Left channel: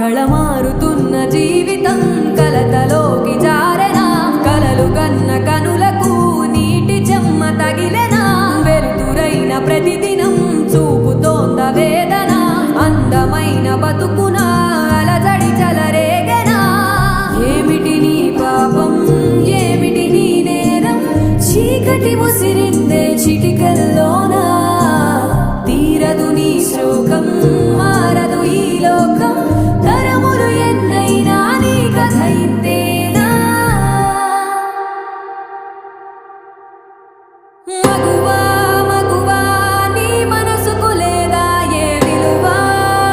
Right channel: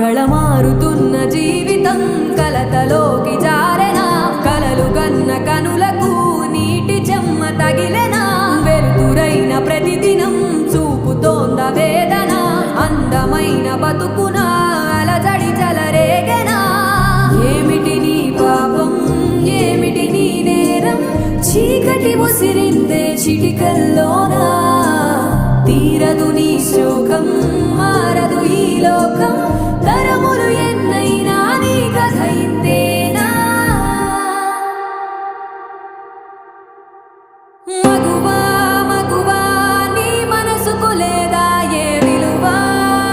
కళమారుతున్న జీవితం కలతలోకి జారెనా కలలు కన్న కనులకు నీటి చెమ్మ తగిలెనా వెలుతురైన ప్రతిదినం చూపుతోంద వేదన అందమైన బతుకున అలజడి చలరేగెనా ఏమిటి నీ పాపం ఏమిటి నీ నేరం చీకటి ముసిరిందే చిటికల్లోనా తీరదు నీ శోకం మార